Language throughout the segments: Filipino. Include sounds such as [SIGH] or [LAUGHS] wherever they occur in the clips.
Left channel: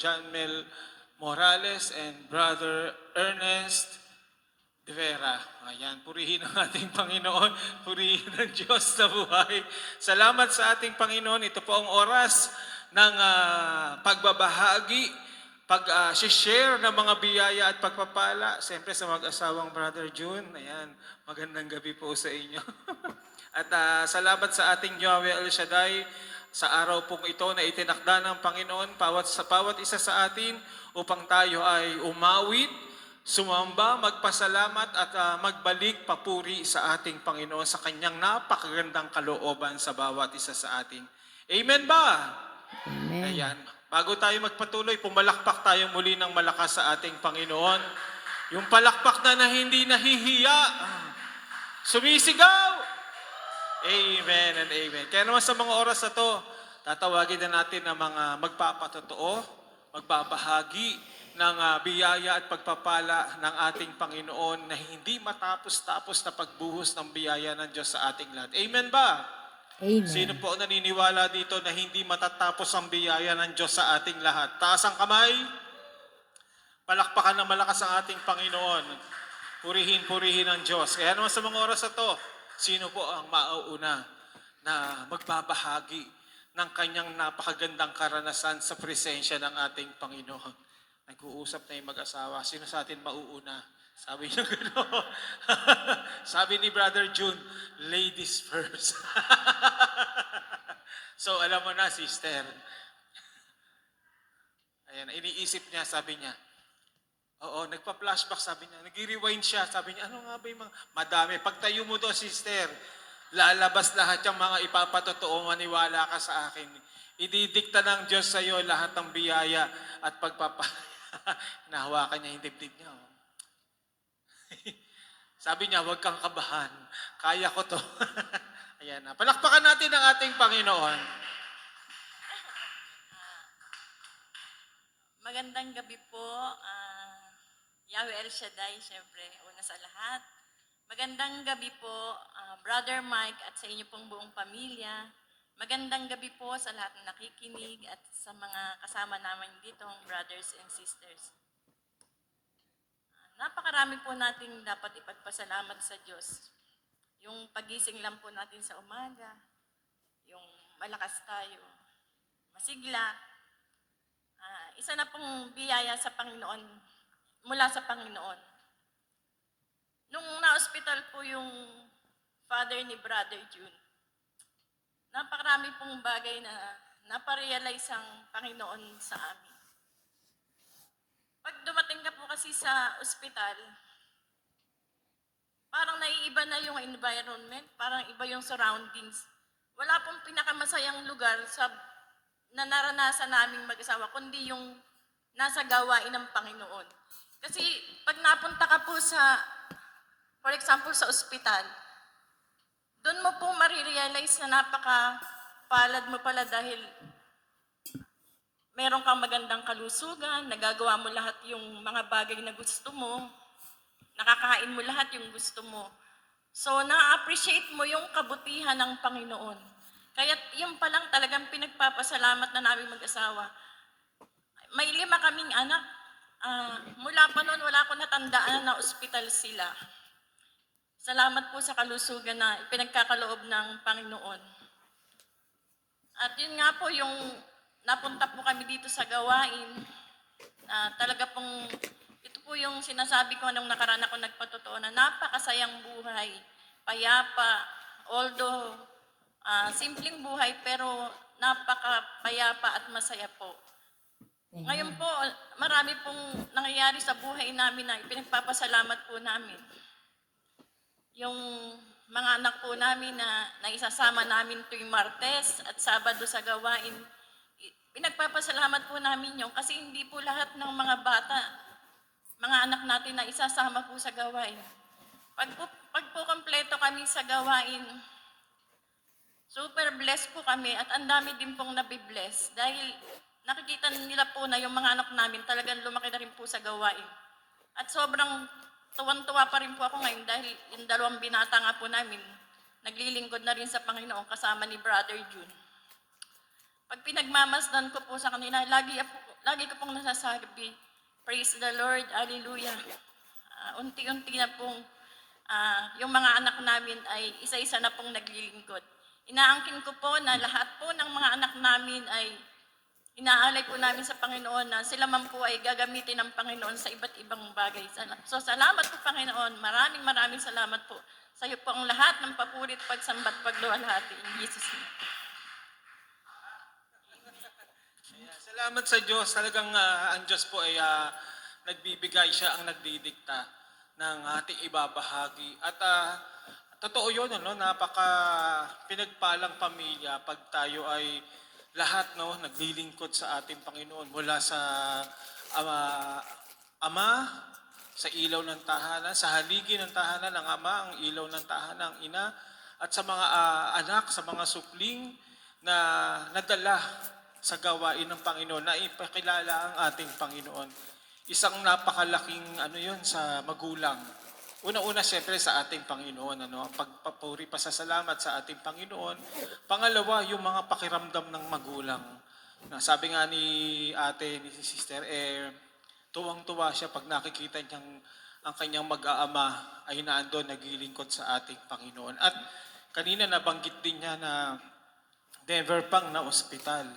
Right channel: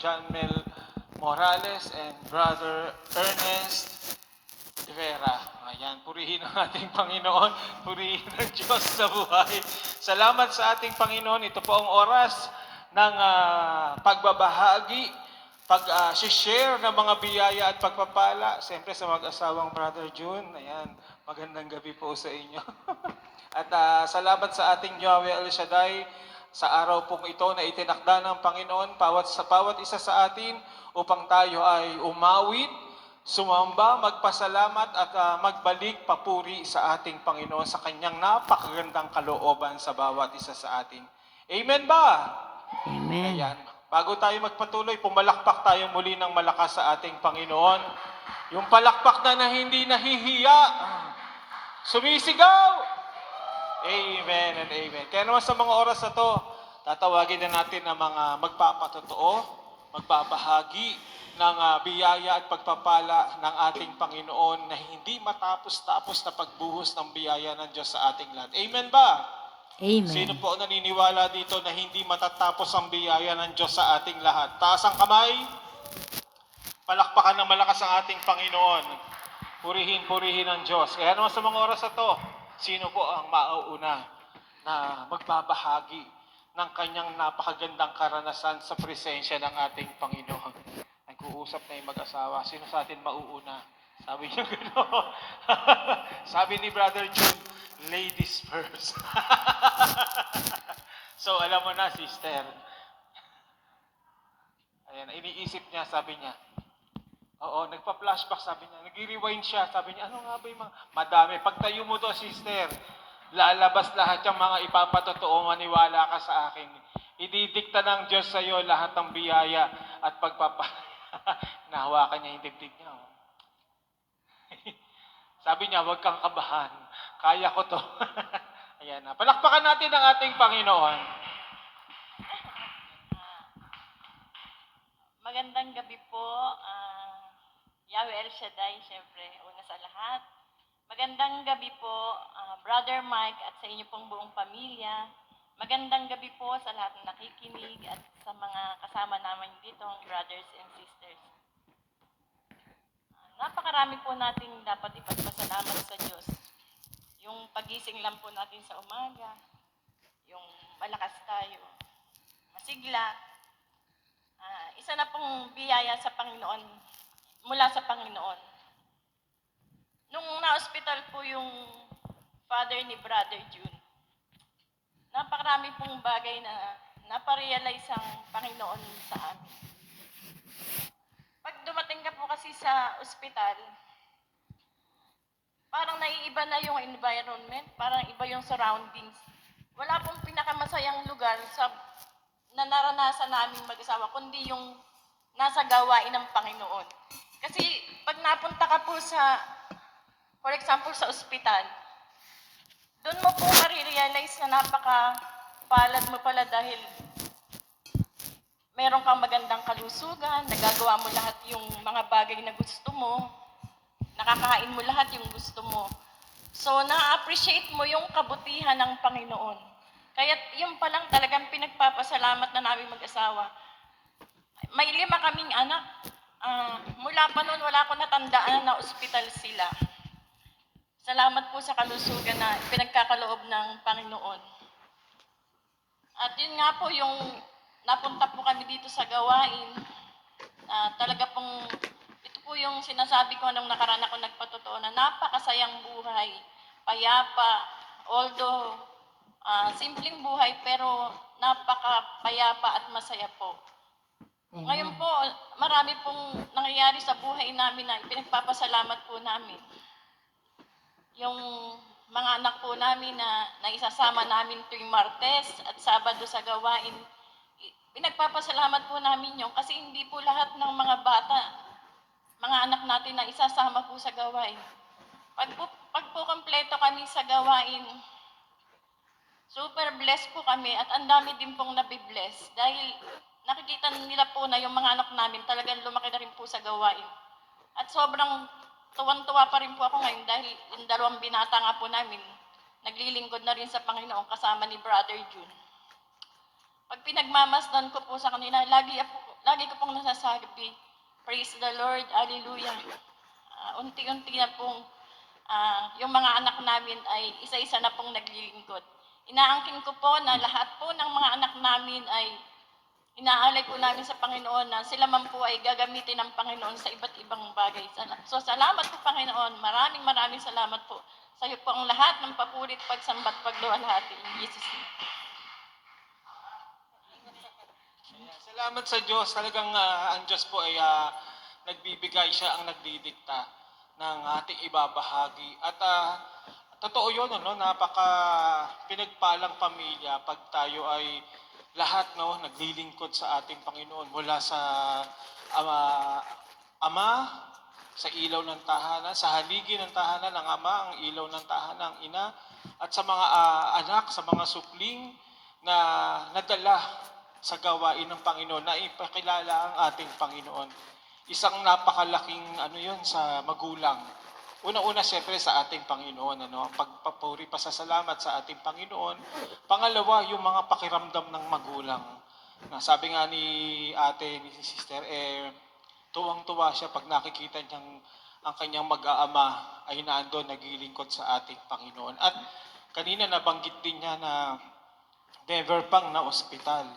John Mel Morales and Brother Ernest Vera. Ayan, purihin ang ating Panginoon, [LAUGHS] purihin ang Diyos sa buhay. Salamat sa ating Panginoon. Ito po ang oras ng ah, pagbabahagi, pag-share ng mga biyaya at pagpapala. Siyempre sa mag-asawang Brother June. Ayan, magandang gabi po sa inyo. [LAUGHS] at ah, salamat sa ating Yahweh El Shaddai sa araw pong ito na itinakda ng Panginoon bawat sa bawat isa sa atin upang tayo ay umawit, sumamba, magpasalamat at ah, magbalik papuri sa ating Panginoon sa kanyang napakagandang kalooban sa bawat isa sa atin. Amen ba? Amen. Ayan. Bago tayo magpatuloy, pumalakpak tayo muli ng malakas sa ating Panginoon. Yung palakpak na, na hindi nahihiya. Sumisigaw! Amen and amen. Kaya naman sa mga oras na to, tatawagin na natin ang mga magpapatotoo, magbabahagi ng ah, biyaya at pagpapala ng ating Panginoon na hindi matapos-tapos na pagbuhos ng biyaya ng Diyos sa ating lahat. Amen ba? Amen. Sino po naniniwala dito na hindi matatapos ang biyaya ng Diyos sa ating lahat? Taas ang kamay. Palakpakan ng malakas ang ating Panginoon. Purihin, purihin ang Diyos. Kaya naman sa mga oras na to, sino po ang mauuna na magbabahagi ng kanyang napakagandang karanasan sa presensya ng ating Panginoon? Nag-uusap na yung mag-asawa. Sino sa atin mauuna? Sabi niyo gano'n. [LAUGHS] Sabi ni Brother June, ladies first. [LAUGHS] so alam mo na, sister. Ayan, iniisip niya, sabi niya, Oo, nagpa-flashback sabi niya. Nag-rewind siya. Sabi niya, ano nga ba yung mga... Madami. Pagtayo mo doon, sister, lalabas lahat yung mga ipapatotoo. Maniwala ka sa akin. Ididikta ng Diyos sa iyo lahat ng biyaya at pagpapa... [LAUGHS] Nahawakan niya yung dibdib niya. oh. [LAUGHS] Sabi niya, huwag kang kabahan. Kaya ko to. [LAUGHS] Ayan na. Palakpakan natin ang ating Panginoon. Magandang gabi po, ah, Yahweh El Shaddai, syempre, una sa lahat. Magandang gabi po, ah, Brother Mike at sa inyo pong buong pamilya. Magandang gabi po sa lahat ng nakikinig at sa mga kasama namin dito, brothers and sisters. Ah, napakarami po nating dapat ipagpasalamat sa Diyos. Yung pagising lang po natin sa umaga, yung malakas tayo, masigla, Ah, isa na pong biyaya sa Panginoon, mula sa Panginoon. Nung na-hospital po yung father ni Brother June, napakarami pong bagay na naparealize ang Panginoon sa amin. Pag dumating ka po kasi sa ospital, parang naiiba na yung environment, parang iba yung surroundings. Wala pong pinakamasayang lugar sa na naranasan namin mag-asawa, kundi yung nasa gawain ng Panginoon. Kasi pag napunta ka po sa, for example, sa ospital, doon mo po marirealize na napaka palad mo pala dahil meron kang magandang kalusugan, nagagawa mo lahat yung mga bagay na gusto mo, nakakain mo lahat yung gusto mo. So, na-appreciate mo yung kabutihan ng Panginoon. Kaya yung pa lang talagang pinagpapasalamat na namin mag-asawa. May lima kaming anak. Ah, mula pa noon, wala ko natandaan na ospital sila. Salamat po sa kalusugan na pinagkakaloob ng Panginoon. At yun nga po yung napunta po kami dito sa gawain. Ah, talaga pong, ito po yung sinasabi ko nung nakaraan ako nagpatotoo na napakasayang buhay, payapa, although ah, simpleng buhay pero napakapayapa at masaya po. Ngayon po, marami pong nangyayari sa buhay namin na pinagpapasalamat po namin. Yung mga anak po namin na naisasama namin tuwing Martes at Sabado sa gawain, pinagpapasalamat po namin yun kasi hindi po lahat ng mga bata, mga anak natin na isasama po sa gawain. Pag po, pag po kompleto kami sa gawain, super blessed po kami at ang dami din pong nabibless dahil nakikita nila po na yung mga anak namin talagang lumaki na rin po sa gawain. At sobrang tuwan-tuwa pa rin po ako ngayon dahil yung dalawang binata nga po namin, naglilingkod na rin sa Panginoon kasama ni Brother June. Pag pinagmamasdan ko po sa kanila, lagi, po, lagi ko pong nasasabi, praise the Lord, hallelujah. Ah, unti-unti na pong ah, yung mga anak namin ay isa-isa na pong naglilingkod. Inaangkin ko po na lahat po ng mga anak namin ay inaalay po namin sa Panginoon na sila man po ay gagamitin ng Panginoon sa iba't ibang bagay. So salamat po Panginoon. Maraming maraming salamat po. Sa iyo po ang lahat ng papurit, pagsambat, pagluwalhati. In Jesus name. Salamat sa Diyos. Talagang ah, ang Diyos po ay ah, nagbibigay siya ang nagdidikta ng ating ibabahagi. At ah, totoo yun, ano, napaka pinagpalang pamilya pag tayo ay lahat no, naglilingkod sa ating Panginoon mula sa ama, ama sa ilaw ng tahanan, sa haligi ng tahanan ng ama, ang ilaw ng tahanan ng ina, at sa mga ah, anak, sa mga supling na nadala sa gawain ng Panginoon, na ipakilala ang ating Panginoon. Isang napakalaking ano yun sa magulang. Una-una siyempre sa ating Panginoon, ano, pagpapuri pasasalamat sa ating Panginoon. Pangalawa, yung mga pakiramdam ng magulang. Na sabi nga ni ate, ni sister, eh, tuwang-tuwa siya pag nakikita niyang ang kanyang mag-aama ay naandun naglilingkod sa ating Panginoon. At kanina nabanggit din niya na never pang na ospital.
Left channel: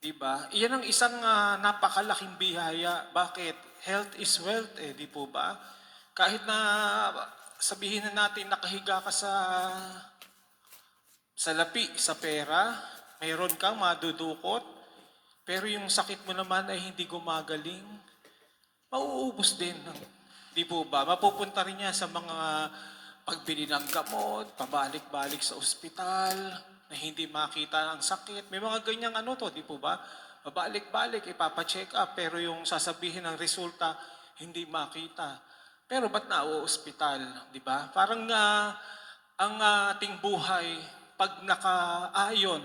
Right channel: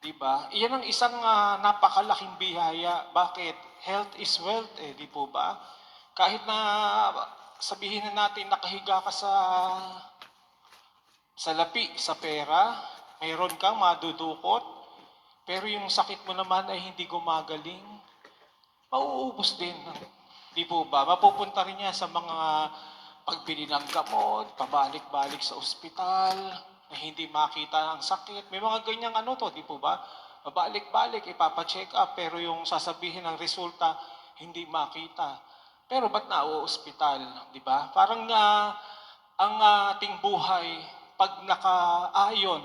'Di ba? Iyan ang isang ah, napakalaking biyaya. Bakit? Health is wealth, eh, di po ba? Kahit na sabihin na natin nakahiga ka sa sa lapi, sa pera, mayroon kang madudukot, pero yung sakit mo naman ay hindi gumagaling, mauubos din. Di po ba? Mapupunta rin niya sa mga pagbili ng gamot, pabalik-balik sa ospital, na hindi makita ang sakit. May mga ganyang ano to, di po ba? Pabalik-balik, ipapacheck up, pero yung sasabihin ng resulta, hindi makita. Pero ba't na ospital, di ba? Parang ah, ang ating buhay, pag nakaayon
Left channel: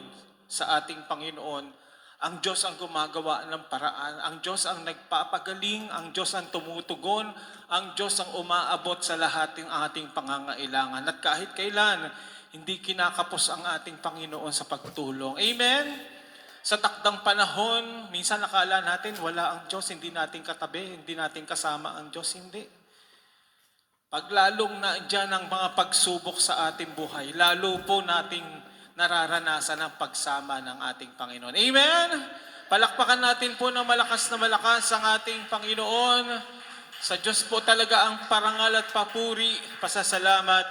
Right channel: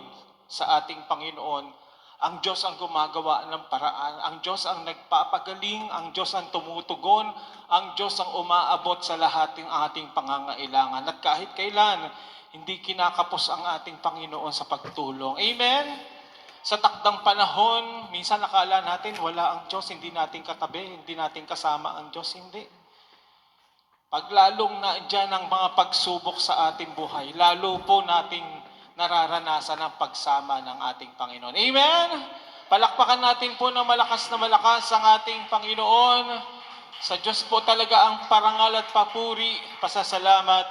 sa ating Panginoon, ang Diyos ang gumagawa ng paraan. Ang Diyos ang nagpapagaling. Ang Diyos ang tumutugon. Ang Diyos ang umaabot sa lahat ng ating pangangailangan. At kahit kailan, hindi kinakapos ang ating Panginoon sa pagtulong. Amen? Sa takdang panahon, minsan nakala natin wala ang Diyos, hindi natin katabi, hindi natin kasama ang Diyos. Hindi. Paglalong na dyan ang mga pagsubok sa ating buhay, lalo po nating nararanasan ang pagsama ng ating Panginoon. Amen? Palakpakan natin po ng malakas na malakas ang ating Panginoon. Sa Diyos po talaga ang parangal at papuri, pasasalamat.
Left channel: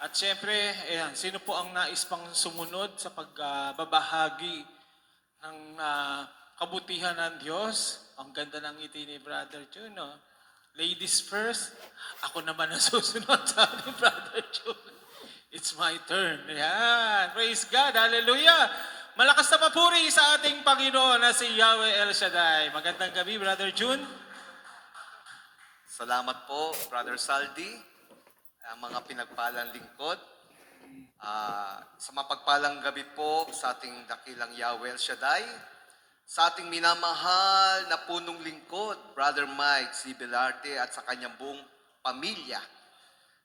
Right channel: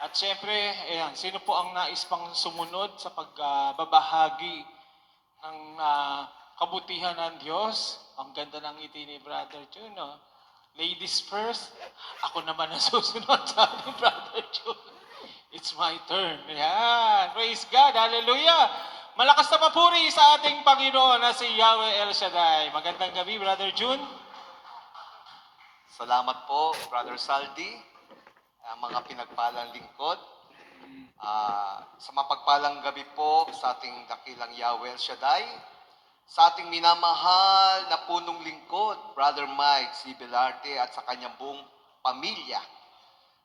At syempre, ayan, sino po ang nais pang sumunod sa pagbabahagi ng ah, kabutihan ng Diyos? Ang ganda ng ngiti ni Brother Jun, no? Ladies first, ako naman ang [LAUGHS] susunod sa Brother Jun. It's my turn. Yan. Praise God. Hallelujah. Malakas na papuri sa ating Panginoon na si Yahweh El Shaddai. Magandang gabi, Brother Jun. Salamat po, Brother Saldi, ang mga pinagpalang lingkod. Ah, sa mapagpalang gabi po sa ating dakilang Yahweh El Shaddai, sa ating minamahal na punong lingkod, Brother Mike C. Belarte at sa kanyang buong pamilya.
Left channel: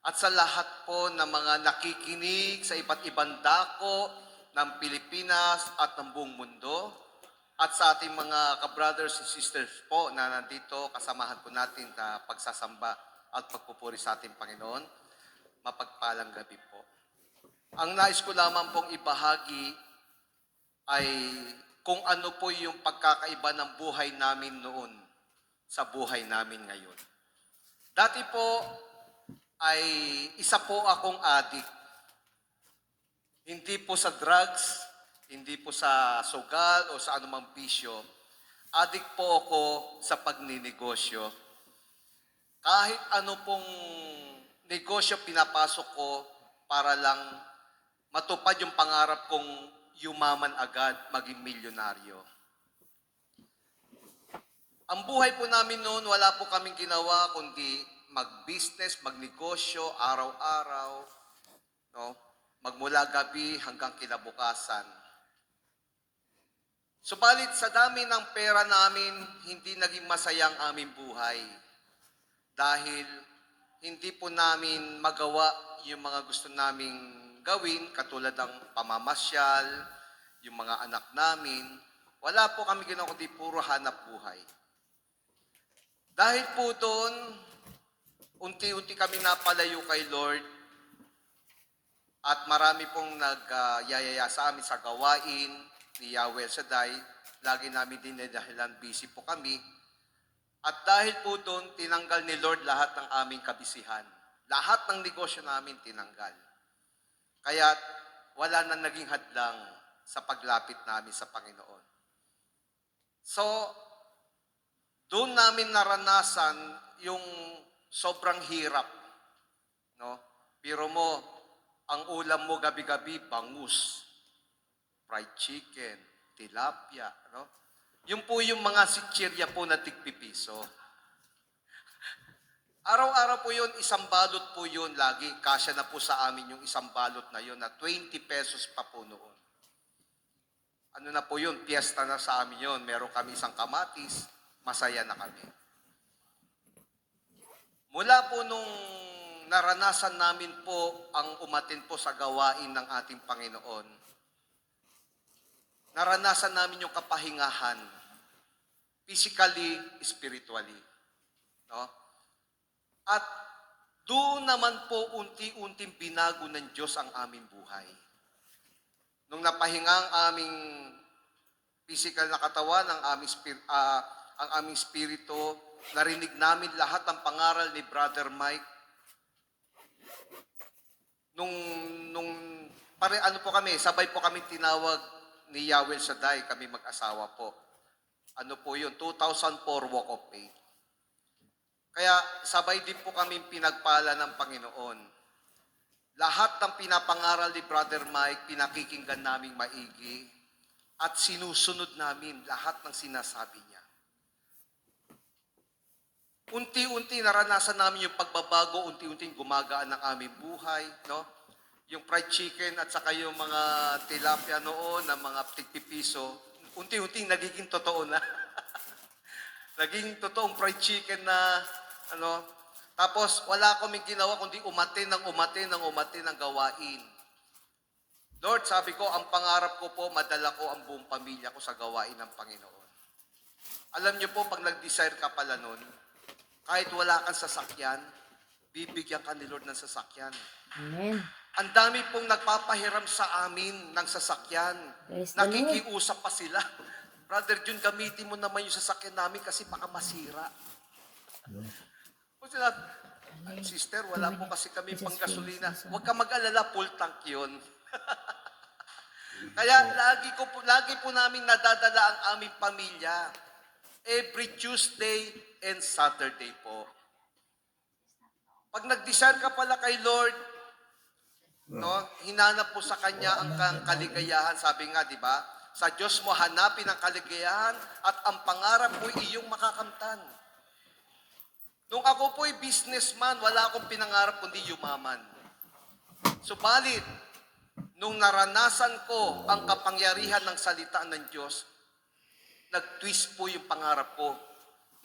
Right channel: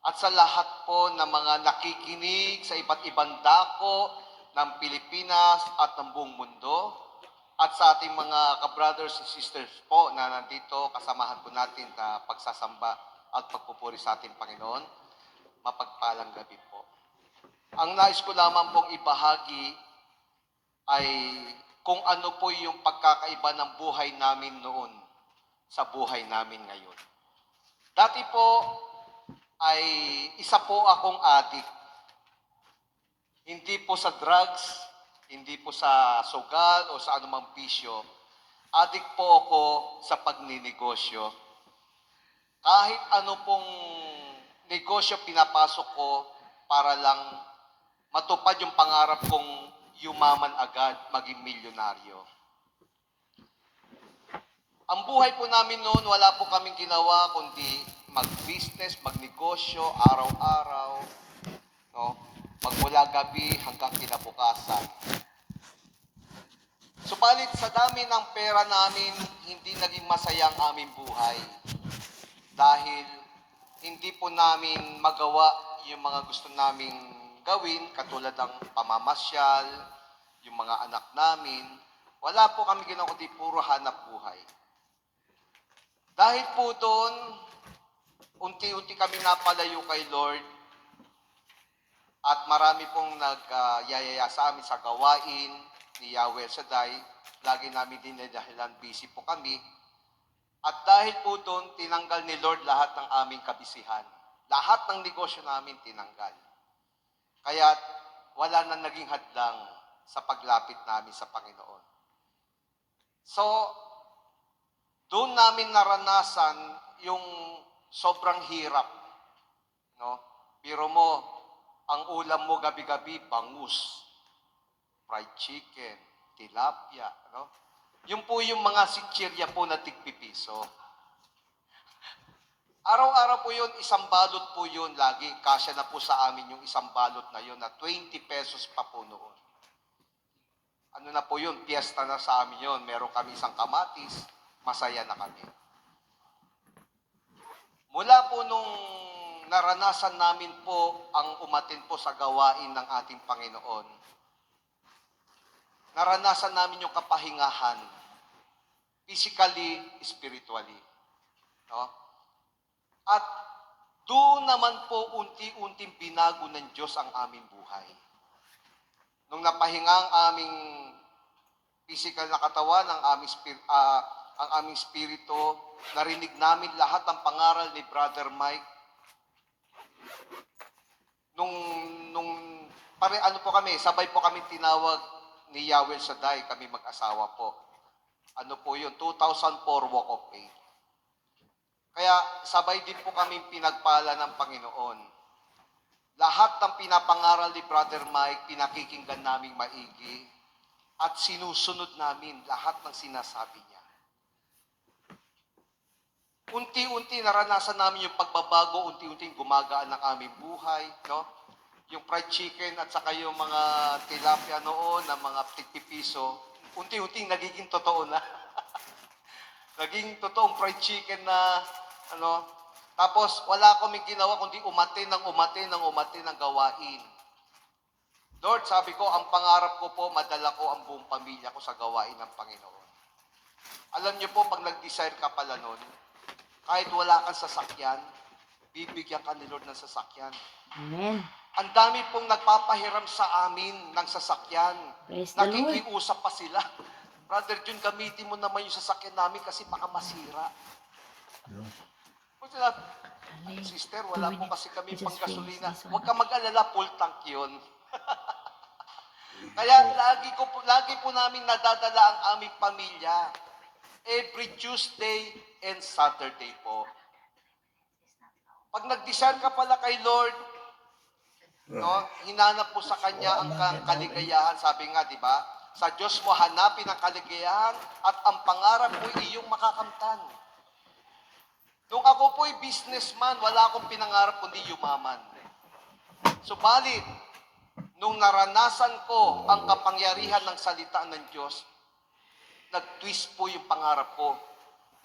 At sa lahat po ng mga nakikinig sa iba't ibang dako ng Pilipinas at ng buong mundo, at sa ating mga ka-brothers and sisters po na nandito, kasamahan po natin sa pagsasamba at pagpupuri sa ating Panginoon, mapagpalang gabi po. Ang nais ko lamang pong ibahagi ay kung ano po yung pagkakaiba ng buhay namin noon sa buhay namin ngayon. Dati po ay isa po akong adik. Hindi po sa drugs, hindi po sa sugal o sa anumang bisyo. Adik po ako sa pagninegosyo. Kahit ano pong negosyo pinapasok ko para lang matupad yung pangarap kong yumaman agad, maging milyonaryo. Ang buhay po namin noon, wala po kaming ginawa kundi mag-business, magnegosyo, araw-araw, no? magmula gabi hanggang kinabukasan. Subalit sa dami ng pera namin, hindi naging masaya ang aming buhay. Dahil hindi po namin magawa yung mga gusto naming gawin, katulad ng pamamasyal, yung mga anak namin, Wala po kami ginawa kundi puro hanap buhay. Dahil po doon, unti-unti kami napalayo kay Lord at marami pong nagyayaya sa amin sa gawain ni Yahweh Shaddai. Lagi namin din dahilan busy po kami. At dahil po doon, tinanggal ni Lord lahat ng aming kabisihan. Lahat ng negosyo namin tinanggal. Kaya wala na naging hadlang sa paglapit namin sa Panginoon. So, doon namin naranasan yung sobrang hirap. No? Pero mo, ang ulam mo gabi-gabi, bangus, fried chicken, tilapia. No? Yung po yung mga sichirya po na tigpipiso. Araw-araw po yun, isang balot po yun lagi. Kasya na po sa amin yung isang balot na yun na 20 pesos pa po noon. Ano na po yun, piyesta na sa amin yun. Meron kami isang kamatis, masaya na kami. Mula po nung naranasan namin po ang umatin po sa gawain ng ating Panginoon, naranasan namin yung kapahingahan, physically, spiritually. No? At doon naman po unti-unting binago ng Diyos ang aming buhay. Nung napahinga ang aming physical na katawan, ang aming, spir- ah, ang aming spirito, narinig namin lahat ng pangaral ni Brother Mike. Nung, nung, pare, ano po kami, sabay po kami tinawag ni Yahweh Shaddai, kami mag-asawa po. Ano po yun? 2004 Walk of Faith. Kaya sabay din po kami pinagpala ng Panginoon. Lahat ng pinapangaral ni Brother Mike, pinakikinggan naming maigi at sinusunod namin lahat ng sinasabi niya. Unti-unti naranasan namin yung pagbabago, unti-unting gumagaan ng aming buhay, no? Yung fried chicken at saka yung mga tilapia noon na mga tigpipiso, unti-unting nagiging totoo na. [LAUGHS] naging totoong fried chicken na ano, tapos wala kaming ginawa kundi umatin ng umatin ng umatin ng gawain. Lord, sabi ko, ang pangarap ko po, madala ko ang buong pamilya ko sa gawain ng Panginoon. Alam niyo po, pag nag-desire ka pala nun, kahit wala kang sasakyan, bibigyan ka ni Lord ng sasakyan. Amen. Ang dami pong nagpapahiram sa amin ng sasakyan. Praise. Nakikiusap pa sila. Brother Jun, gamitin mo naman yung sasakyan namin kasi baka masira. O sila, sister, wala po kasi kami I just pang gasolina. finished this one. Huwag ka mag-alala, full tank yun. [LAUGHS] Kaya lagi ko po, lagi po namin nadadala ang aming pamilya. Every Tuesday and Saturday po. Pag nag-desire ka pala kay Lord, no, hinanap po sa Kanya ang ka- kaligayahan. Sabi nga, di ba? Sa Diyos mo hanapin ang kaligayahan at ang pangarap mo iyong makakamtan. Nung ako po'y businessman, wala akong pinangarap kundi yumaman. Subalit, nung naranasan ko ang kapangyarihan ng salita ng Diyos, nag-twist po yung pangarap ko.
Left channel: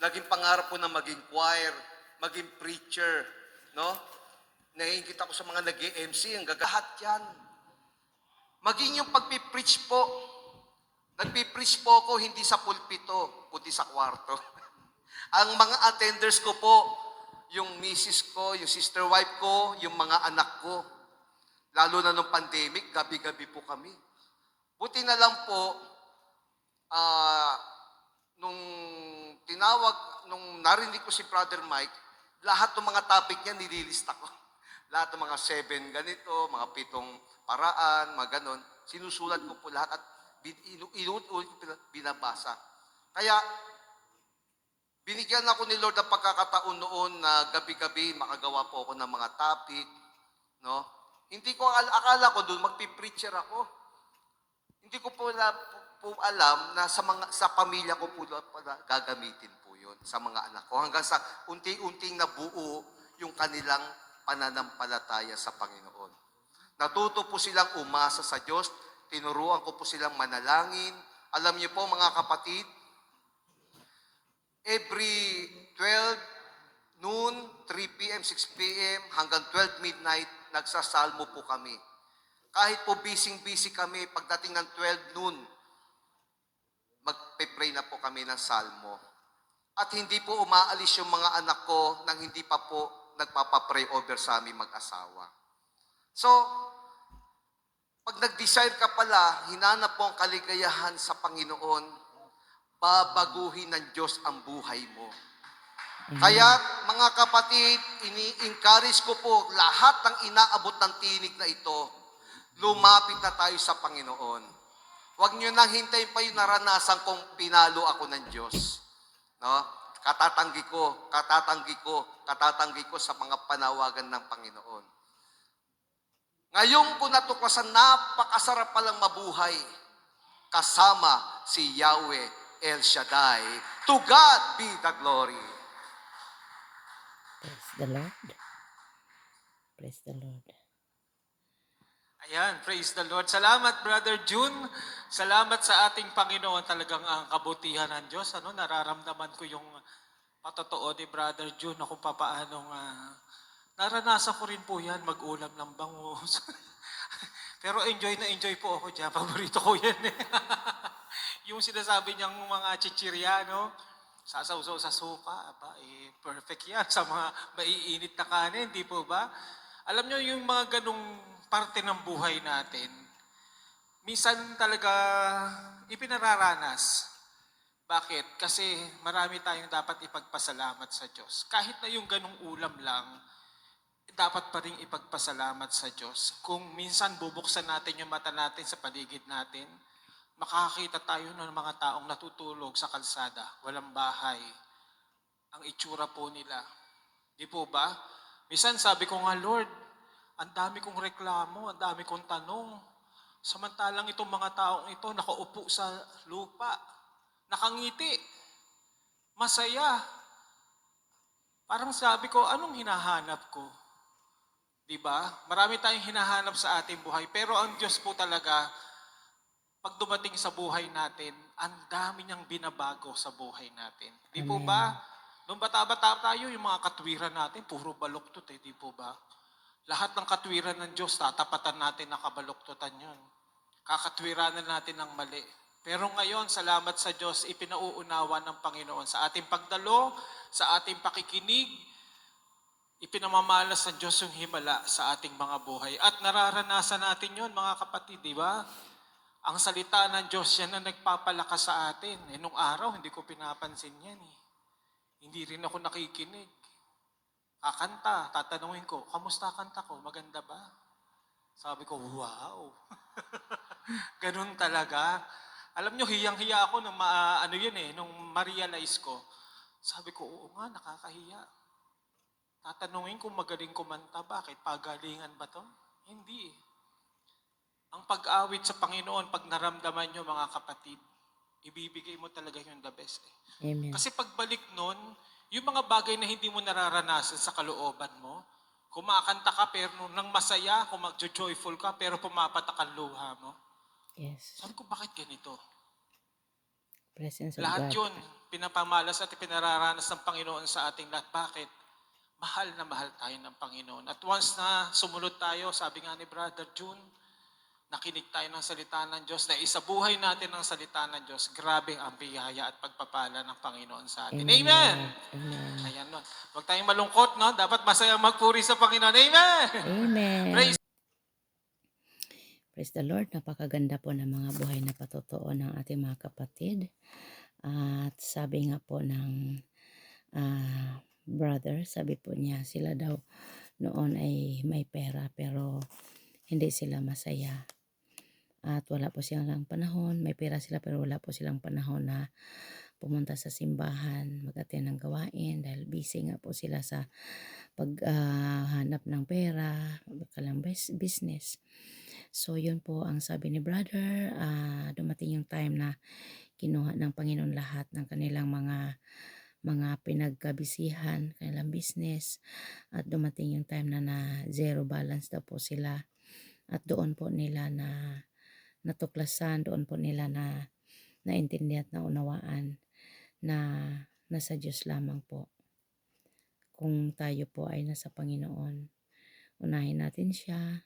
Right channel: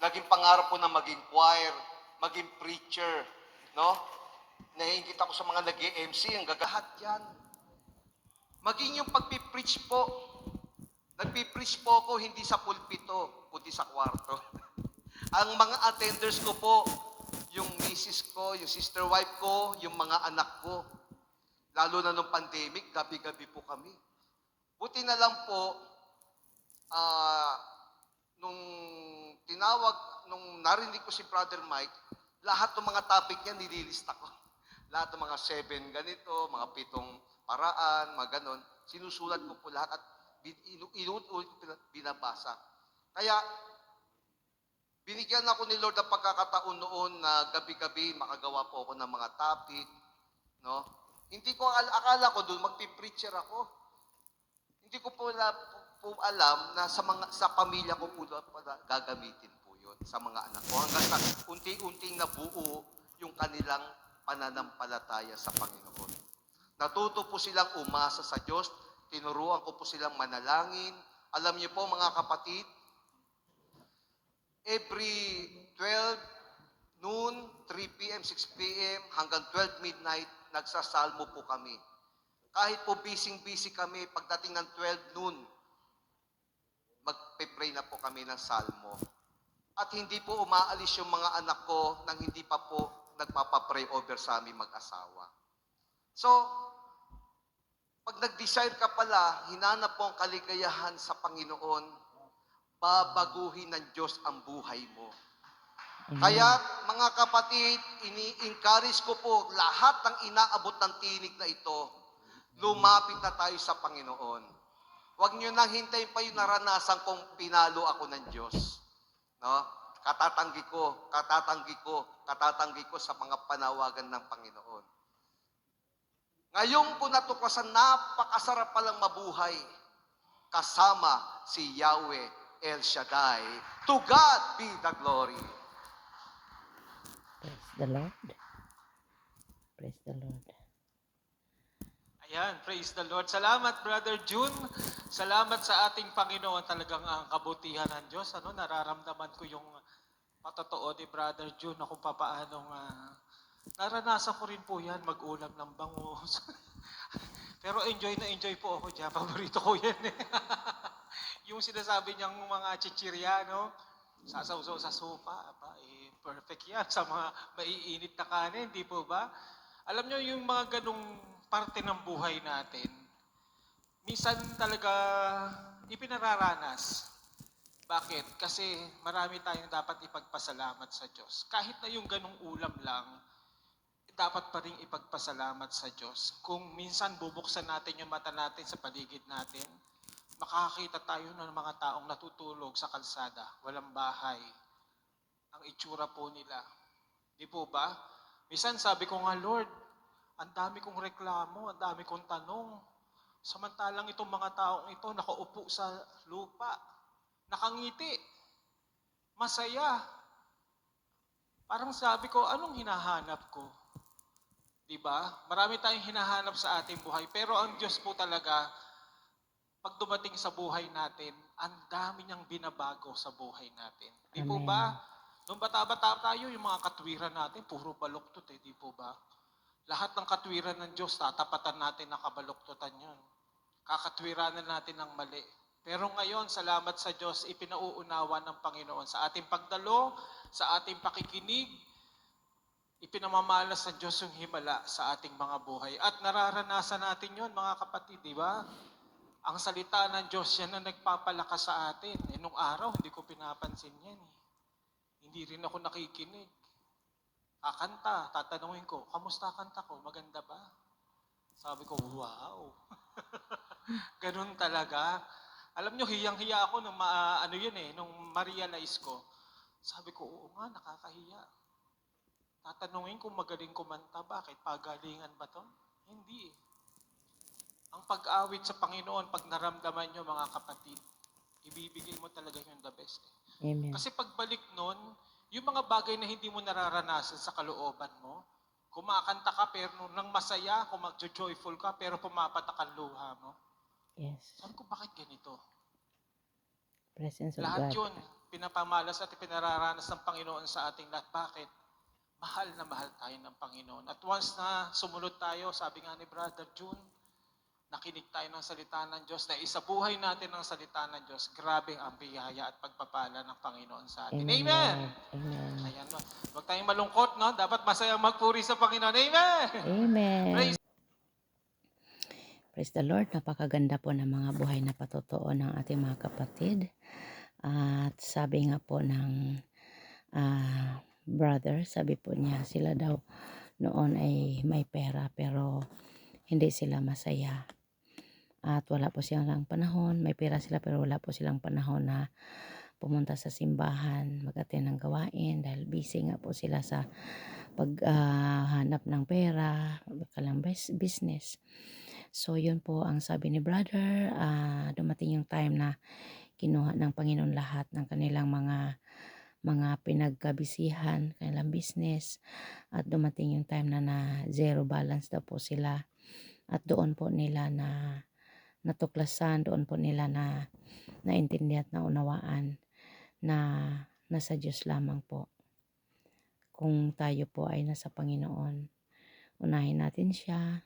Naging pangarap ko na maging choir, maging preacher, no? Naiingit ako sa mga nag mc ang gagahat yan. Maging yung pagpipreach po, nagpipreach po ako hindi sa pulpito, kundi sa kwarto. [LAUGHS] ang mga attenders ko po, yung misis ko, yung sister wife ko, yung mga anak ko. Lalo na nung pandemic, gabi-gabi po kami. Buti na lang po, ah, nung tinawag, nung narinig ko si Brother Mike, lahat ng mga topic niya nililista ko. [LAUGHS] Lahat ng mga seven ganito, mga pitong paraan, mga ganon. Sinusulat ko po lahat at binabasa. Kaya, binigyan ako ni Lord ng pagkakataon noon na gabi-gabi makagawa po ako ng mga topic, no? Hindi ko al- akala ko doon magpi-preacher ako. Hindi ko po, na, po, alam na sa mga sa pamilya ko po pala gagamitin po 'yon sa mga anak ko hanggang sa unti-unting nabuo yung kanilang pananampalataya sa Panginoon. Natuto po silang umasa sa Diyos, tinuruan ko po silang manalangin. Alam niyo po mga kapatid, every 12 noon, 3 p.m., 6 p.m. hanggang 12 midnight, nagsasalmo po kami. Kahit po busy-busy kami, pagdating ng 12 noon, magpe-pray na po kami ng salmo. At hindi po umaalis yung mga anak ko nang hindi pa po nagpapapray over sa aming mag-asawa. So, pag nag-desire ka pala, hinanap mo ang kaligayahan sa Panginoon, babaguhin ng Diyos ang buhay mo. Kaya mga kapatid, ini-encourage ko po lahat ng inaabot ng tinig na ito, lumapit na tayo sa Panginoon. Huwag nyo nang hintayin pa yung naranasan kong pinalo ako ng Diyos. No? Katatanggi ko, katatanggi ko, katatanggi ko sa mga panawagan ng Panginoon. Ngayon ko natuklasan, napakasarap palang mabuhay kasama si Yahweh El Shaddai. To God be the glory. Praise the Lord. Praise the Lord. Ayan, praise the Lord. Salamat, Brother June. Salamat sa ating Panginoon. Talagang ang kabutihan ng Diyos. Ano, nararamdaman ko yung patotoo ni Brother June na kung papaanong ah, naranasan ko rin po yan, mag-ulam ng bangus. [LAUGHS] [LAUGHS] Pero enjoy na enjoy po ako dyan. Paborito ko yan eh. [LAUGHS] yung sinasabi niyang mga chichirya, no? Sasawsaw sa suka, aba, eh, perfect yan sa mga maiinit na kanin, di po ba? Alam niyo yung mga ganong parte ng buhay natin, minsan talaga ipinararanas. Bakit? Kasi marami tayong dapat ipagpasalamat sa Diyos. Kahit na yung ganong ulam lang, dapat pa rin ipagpasalamat sa Diyos. Kung minsan bubuksan natin yung mata natin sa paligid natin, makakakita tayo ng mga taong natutulog sa kalsada, walang bahay. Ang itsura po nila. Di po ba? Minsan sabi ko nga, Lord, ang dami kong reklamo, ang dami kong tanong. Samantalang itong mga taong ito nakaupo sa lupa, nakangiti, masaya. Parang sabi ko, anong hinahanap ko? Di ba? Marami tayong hinahanap sa ating buhay, pero ang Diyos po talaga, pag dumating sa buhay natin, ang dami niyang binabago sa buhay natin. Di po ba? Nung bata-bata tayo, yung mga katwiran natin, puro baluktot eh, di po ba? Lahat ng katwiran ng Diyos, tatapatan natin na kabaluktutan yun. Kakatwiranan natin ng mali. Pero ngayon, salamat sa Diyos, ipinauunawa ng Panginoon sa ating pagdalo, sa ating pakikinig, ipinamamalas ng Diyos yung himala sa ating mga buhay. At nararanasan natin yon mga kapatid, di ba? Ang salita ng Diyos yan na nagpapalakas sa atin. Eh, nung araw, hindi ko pinapansin yan eh. Hindi rin ako nakikinig. Kakanta, tatanungin ko, kamusta kanta ko? Maganda ba? Sabi ko, wow. [LAUGHS] Ganun talaga. Alam nyo, hiyang-hiya ako nung ma, ano yun eh, nung ma-realize ko. Sabi ko, oo nga, nakakahiya. Tatanungin kung magaling kumanta, bakit? Pagalingan ba to? Hindi eh. Ang pag-awit sa Panginoon, pag naramdaman nyo mga kapatid, ibibigay mo talaga yung the best eh. Amen. Kasi pagbalik nun, yung mga bagay na hindi mo nararanasan sa kalooban mo, kumakanta ka pero nang masaya, kung mag-joyful ka, pero pumapatak ang luha mo. Yes. Sabi ko, bakit ganito? Presence of Lahat God. yun, pinapamalas at pinararanas ng Panginoon sa ating lahat. Bakit? Mahal na mahal tayo ng Panginoon. At once na sumunod tayo, sabi nga ni Brother June, nakinig tayo ng salita ng Diyos, na isabuhay natin ang salita ng Diyos, grabe ang biyaya at pagpapala ng Panginoon sa atin. Amen. Amen! Amen. Ayan, no. Huwag tayong malungkot, no? Dapat masaya magpuri sa Panginoon. Amen! Amen. Praise Praise the Lord. Napakaganda po ng mga buhay na patotoo ng ating mga kapatid. At sabi nga po ng ah, brother, sabi po niya, sila daw noon ay may pera pero hindi sila masaya. At wala po silang panahon, may pera sila pero wala po silang panahon na pumunta sa simbahan, mag-attend ng gawain dahil busy nga po sila sa paghanap ng pera, kalang bus- business. So, yun po ang sabi ni brother. ah, dumating yung time na kinuha ng Panginoon lahat ng kanilang mga mga pinagkabisihan, kanilang business. At dumating yung time na na zero balance daw po sila. At doon po nila na natuklasan, doon po nila na naintindihan at naunawaan na nasa Diyos lamang po. Kung tayo po ay nasa Panginoon, unahin natin siya,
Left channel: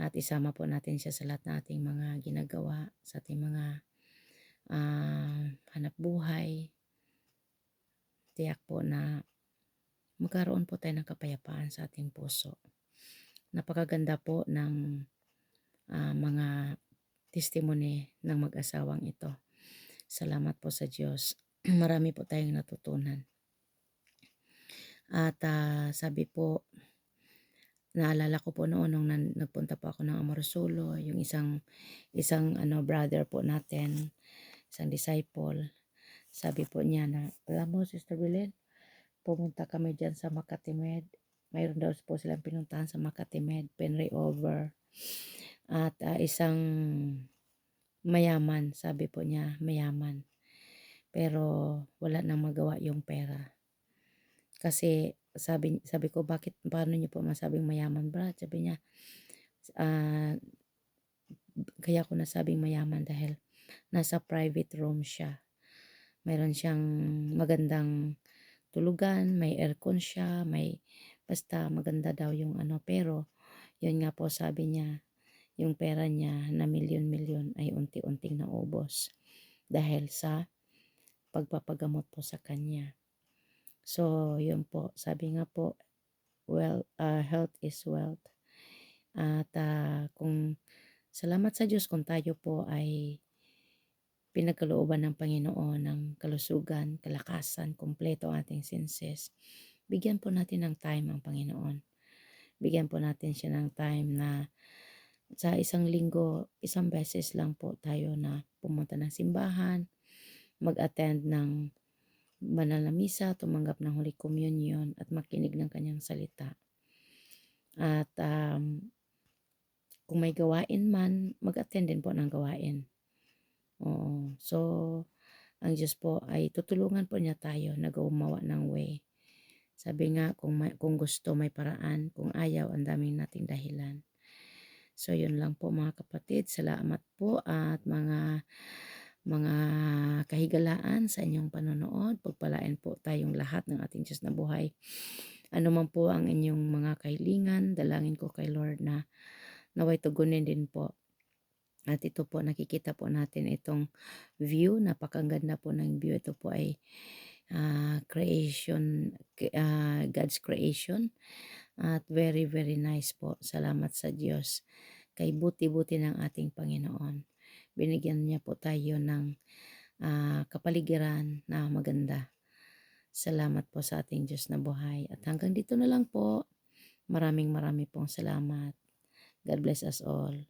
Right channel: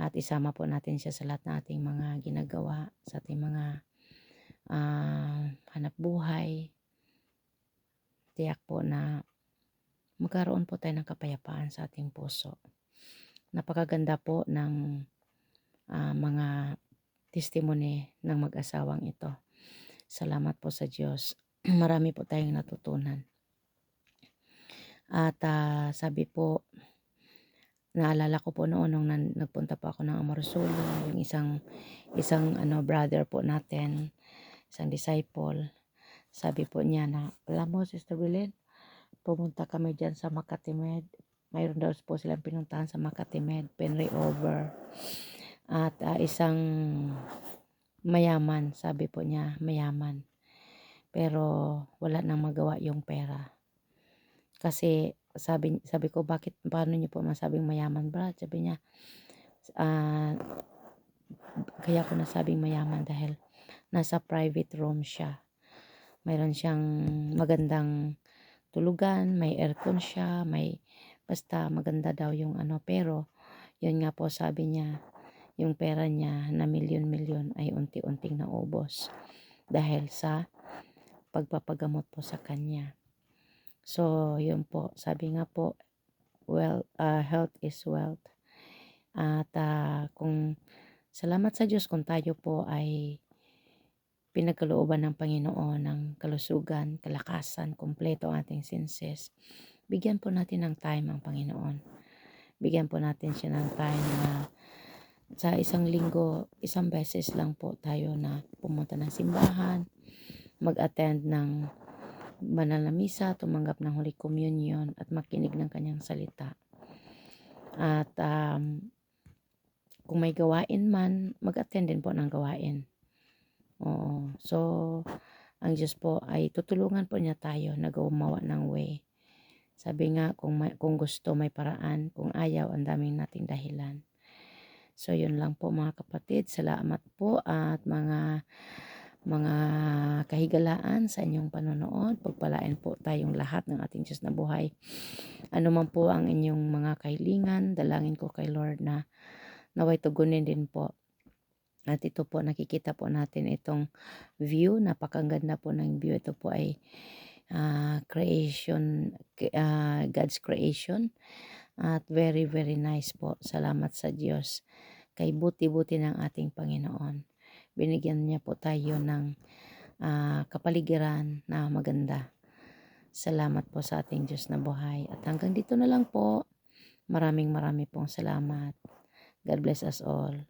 at isama po natin siya sa lahat ng ating mga ginagawa, sa ating mga ah, hanap buhay. Tiyak po na magkaroon po tayo ng kapayapaan sa ating puso. Napakaganda po ng ah, mga testimony ng mag-asawang ito. Salamat po sa Diyos. [CLEARS THROAT] Marami po tayong natutunan. At ah, sabi po, naalala ko po noon nung nagpunta po ako ng Amorsolo, yung isang isang ano brother po natin, isang disciple. Sabi po niya na, alam mo Sister Belen, pumunta kami dyan sa Makatimed. Mayroon daw po silang pinuntahan sa Makatimed, Penry Over. At ah, isang mayaman, sabi po niya, mayaman. Pero wala nang magawa yung pera. Kasi sabi sabi ko bakit paano niyo po masabing mayaman brad sabi niya ah kaya ko nasabing mayaman dahil nasa private room siya mayroon siyang magandang tulugan may aircon siya may basta maganda daw yung ano pero yun nga po sabi niya yung pera niya na milyon-milyon ay unti-unting naubos dahil sa pagpapagamot po sa kanya So, yun po. Sabi nga po, well, uh, health is wealth. At ah, kung salamat sa Diyos kung tayo po ay pinagkalooban ng Panginoon ng kalusugan, kalakasan, kumpleto ang ating senses. Bigyan po natin ng time ang Panginoon. Bigyan po natin siya ng time na sa isang linggo, isang beses lang po tayo na pumunta ng simbahan, mag-attend ng banal na misa, tumanggap ng Holy Communion at makinig ng kanyang salita. At um, kung may gawain man, mag-attend din po ng gawain. Oo. So, ang Diyos po ay tutulungan po niya tayo na gumawa ng way. Sabi nga, kung, may, kung gusto may paraan, kung ayaw, ang daming nating dahilan. So, yun lang po mga kapatid. Salamat po at mga mga kahigalaan sa inyong panonood. Pagpalain po tayong lahat ng ating Diyos na buhay. Ano man po ang inyong mga kahilingan, dalangin ko kay Lord na naway tugunin din po. At ito po, nakikita po natin itong view. Napakaganda po ng view. Ito po ay ah, creation, ah, God's creation. At very, very nice po. Salamat sa Diyos. Kay buti-buti ng ating Panginoon binigyan niya po tayo ng ah, kapaligiran na maganda. Salamat po sa ating Diyos na buhay. At hanggang dito na lang po. Maraming maraming pong salamat. God bless us all.